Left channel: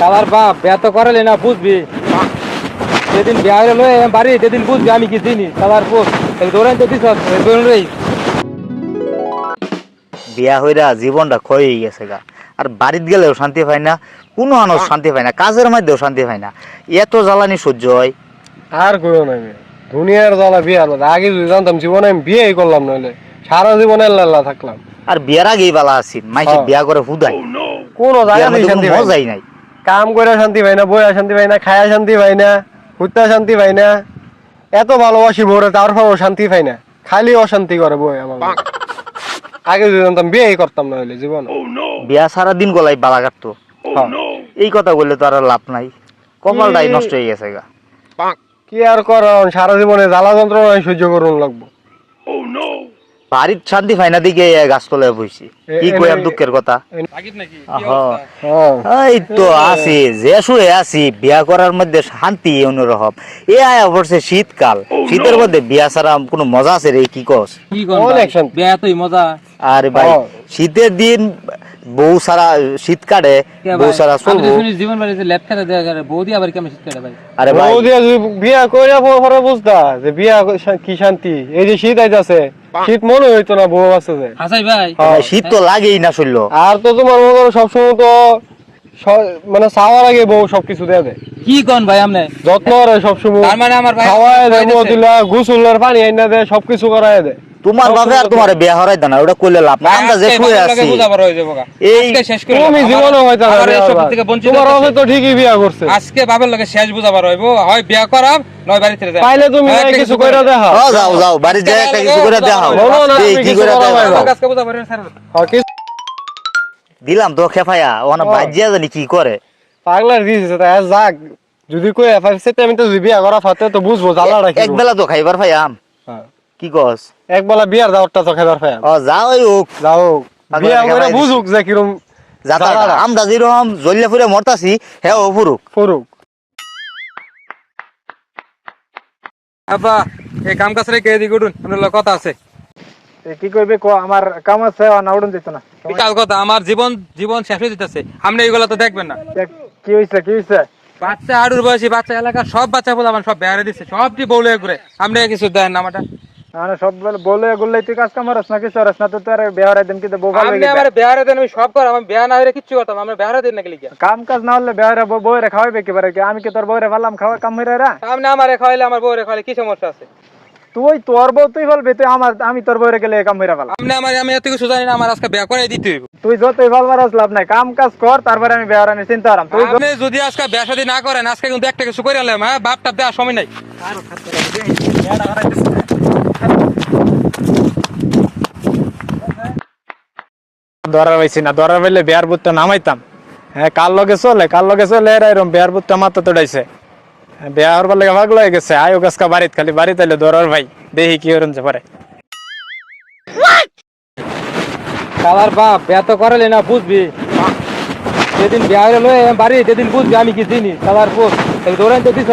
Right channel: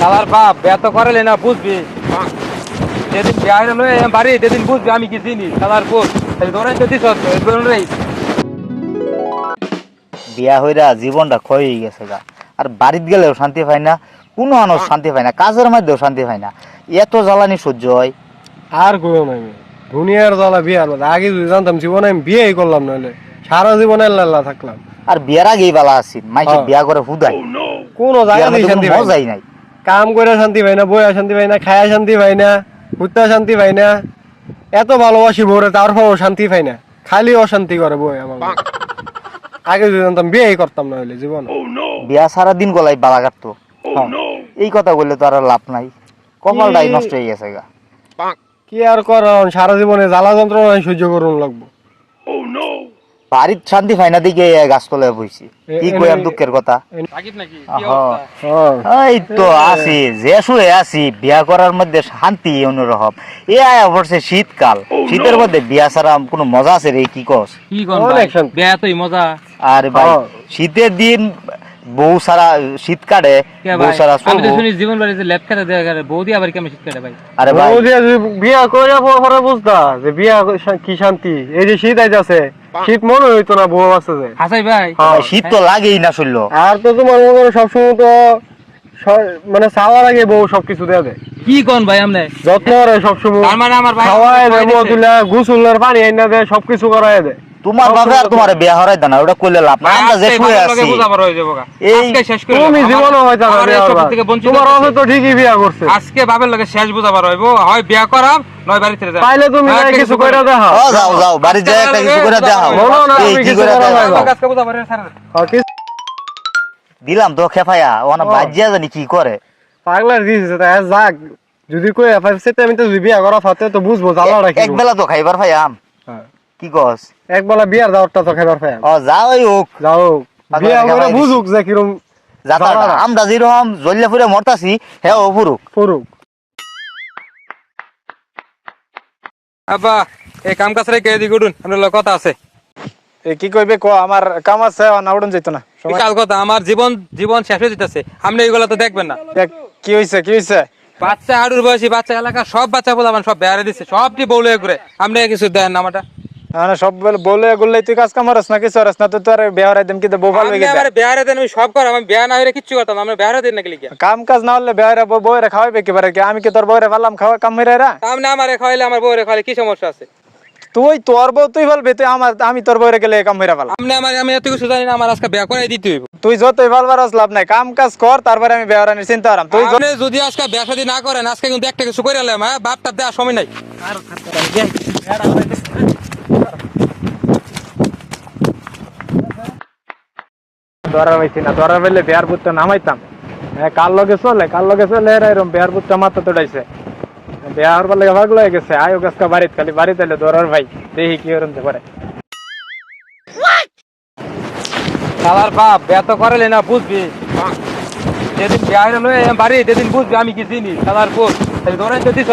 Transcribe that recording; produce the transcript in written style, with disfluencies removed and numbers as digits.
শালার বাপ ব্যত করালে না বুঝবি যেদিন বিয়ে নয় বাড়ি যেদিন বুঝবি আমি কি চিনি শালার পুত ধরেন তো দিস বিয়া হইরা জীবনটা ক্ষয় হয়ে গেছে গা। আর বাড়িতে গেলেও শান্তি পায় না, কোনো মানুষ শান্তি পায় না, কাজের মধ্যেও শান্তি পায় না। এত জ্বালানি সহ্য হয়। আর কইও না আমি দুনিয়ার জ্বালা বিয়ে আলাদা। আগে যদি জানতাম জীবনে আমি বিয়েই করলাম, নইলে সারা জীবনে আল্লাহ থাকলাম। আর বিয়ার আগেই বালা আছি, মাইসে বিয়া করে হুদাই কোনো জায়গায় শান্তি পাই না। মজাই নাই। কাম করে শান্তি পাই না, বইয়া শান্তি পাই না, খায়া শান্তি পাই না, হুত্তা শান্তি পাই না। এত ভালোবাসি বউরে, তারপরও শান্তি পাই না, খালি অশান্তি করে বই আমার। আগে যদি জানতাম বিয়েই করতাম না হলে জীবন। বিয়া সারা দিন গলাই বালা কাটতো। এই কথা বললে তো আর লাভ নাই, কপালটাই নষ্ট হয়ে গেছে গা। কি আর কর, সারা জীবনে জ্বালা যন্ত্রণা সহ্য করুন লাগবো। বাড়ির শান্তি পাই না দিকে গাছতলায় বইছি, কি কই আর দুঃখের কথা। এই তো আছি যে শুয়ে আছি, বিয়া করার মধ্যে শান্তি অন্যরকম। এ আয়া পড়ছে শীতকাল, শীতের মধ্যে বিয়া ছাড়া কোনো মজা আছে রে? কি কস? অনেক শান্তি। বিয়া তুই মজা। আরে ভাই শীতের দিন বউ সারা শীত কাটে, বউ সারা চলবো। জীবন বাড়িতে ল্যাপ খেতে দেওয়া গেলে বৌদি আবার কেমন শীত কাটে ভাই? আরে ভাই বিয়া করে পরে বুঝতা যে বিয়া কি শান্তি। এই যে শীত আইতাছে, শীত মনে হইতো না বউ আছে যে। হাসাই ভাই শীত তো লাগেই না শুনল। আর তো তোমার মতো সবসময় তো মানে চাওয়ার আগে বউ সবকিছু দেয়া দেয়। কি কোন ভাই আমনে যত্ন করে সবসময়, তার মানে আমার ভাই খাওয়ায় দেয়, তুলে গোসলের পানি আইনা দেয়, সবকিছু করায় দেয়। তোমার বাবা আর তোমার বিয়া হরাই দেনা, ওটা কইলে লাভ না। আমরা যে শুয়ে আছি এই তুমি জীবনে হয়তো তোমার অবস্থা তো ঠিকই বিয়া করছে। আজকে বাবার লগে শেষ বুঝাবার হইব, হয় বিয়া করাম নয় বাড়িতে যাই। পাইলে তুমি কিছু কইরা দেখাও। যাও যাও বাড়ি যায় একটা কিছু করে দেখাও। এই কি করে আজকে বুঝাবার স্যার দিলাম তো খেফায়া, ওনা বাজিয়া জানি কি করে। পাগলার দিছে তা যাক, যদি কই এফআই সেটা আমি তো বিয়া করা ফাতে তো বুঝবো জ্বালাটা কি। এক বেলা তো খাইবার পাইয়াম। কি কস? এক বেলা বিয়ার দাওয়াতটা তো খাইবার পাইয়াম। যাওই হোক, যাও বিয়া করে বুঝুক যে কিরম যাতাটা। আমরা যেরকম জল্লা ফুরে মরতাছি, হ্যাঁ ও ফুরুক ফুরুক। আব্বা এই কাম কাজ রেখে এদিকে উঠুন, আপনার কথা আছে। কি কইবে কো, আমার কাম আছে না, উড়ন যাইতো না। বিশাল কথা, আমার জীবন জীবন শেষ হয়ে যেতেছে, আপনি এইগুলো তো দেখবেন না। কি হইছে কি হইছে? বাচ্চা আড়ুর বয়সী বাচ্চা এলাকা সব বাচ্চা বলে আমার সব বেড়ে দিচ্ছে, সবটি বউলে ঘুরে। আপনি কিছু দেন না আমাটা। না সব বলে গুললে তুই কাজ কাম করছ না, কিছু করছ না, তো তোর বেহারে দেন কি দে বউ আপনি আমারে বেড়ে দেন, আমি সব করে আমি বেয়া না হইরে কিচ্ছু করতাম না। আমরা বেড়ে দেন না কি লিখা? কাম কাজ না হলে বেহারে বউরে খাওয়াইবে কি পারে? আমি কি তোর বউরে ভাবলাম খাওয়া কাম মেরেরা? আপনি আমারে খাওয়াইলে আমার বউরে খাওয়াইলে কি সমস্যা আছে? তুই তোর বউ তুই ভালবে, তুই আমার আমি তোর বউরে গেলে কাম মেরে ভালো। আপনি আমারে আমি এত কিছু জানি না, আমার আজকে বিয়া করে দিতে হইব। তুই যতই ভালবার লাভ নাই, কাম কাজ কর, তারপরে আমি বেহারানির চিন্তা করাম। তুই আপনি যদি আজকে বিয়া শাদী না করেন, আজকে কিন্তু একটা কিছু করে আনলাম। হ্যাঁ বাপ টাপ দেওয়ার সময় নাই। ধরা হয়েছি না, ধরা হইলে বিহার বুত্ত নামাইতাম। হ্যাঁ কার লগে চলে এরম বিহার বুত্ত মাথা তোড়াইছে। বিহার বলে ভাগ লয়ে গেছে, আয়ো গাছকা বাড়িতে, খালি বাড়িতে এলে ধরার ভাই দেখি কি হরণ যে পারে। শালার বাপ ব্যত করালে না বুঝবি, যেদিন বিয়ে নয় বাড়ি যেদিন বুঝবি আমি কি চিনি শালার পুত ধরেন তো দিস